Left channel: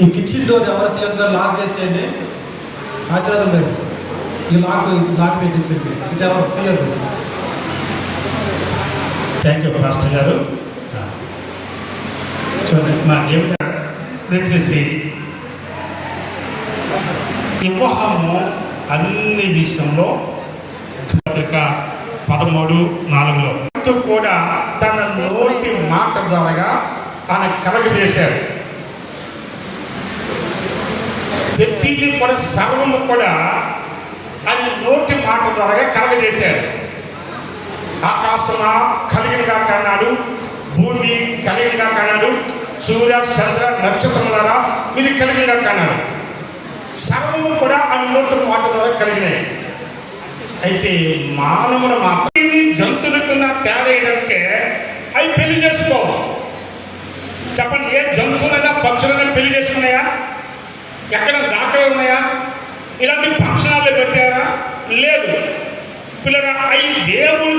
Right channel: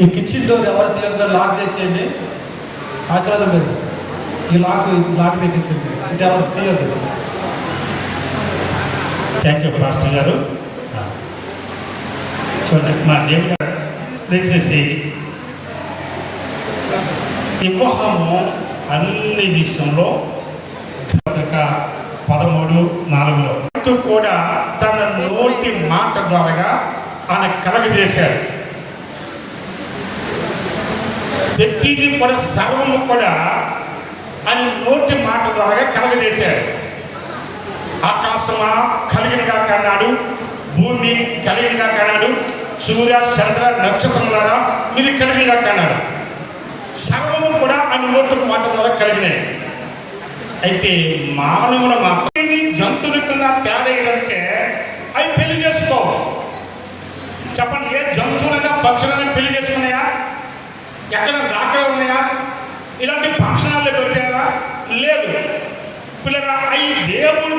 ఈ kitchen door ఎవరు తీయద్దో lock చేసేయండి. ఆశీర్వాదం లేదు. ఈ లాక్ పెట్టేసేయండి. ఇది ఎవరు తీయద్దు. థ్యాంక్ యూ పాస్టర్ గారు. చూడండి, మాకేం దయచేసి వివాహము అన్ని విషయంలో 13:4 కూడా తన నోటి మాట ద్వారా ఆయన కలగజేశాడు. వ్యక్తిని కూడా సర్వము కూడా ఆయన నోటి మాట ద్వారా కలగజేశాడు. ఆకాశమా కలిగినగా కన్నాడు, భూమి కలిగినగా కన్నాడు, సూర్య చంద్ర నక్షత్రం ద్వారా ఇది కలిగినగా కన్నాడు. సర్వము కూడా ఆయన నోటి మాట ద్వారా కలిగినాయి. అయితే మానవుల జంతువులకున్న తేడా ఏంటంటే అవి పెళ్లి చేసుకో. చెప్పండి, ఏ జంతువులైనా పక్షులైనా పెళ్లి చేసుకున్నాయా? ఎక్కడ దాఖలు ఉన్నాయా? ఇలాంటి ఫంక్షనాల్లో పెట్టారా? లేదు. పిల్లరా, అవి దేవుడు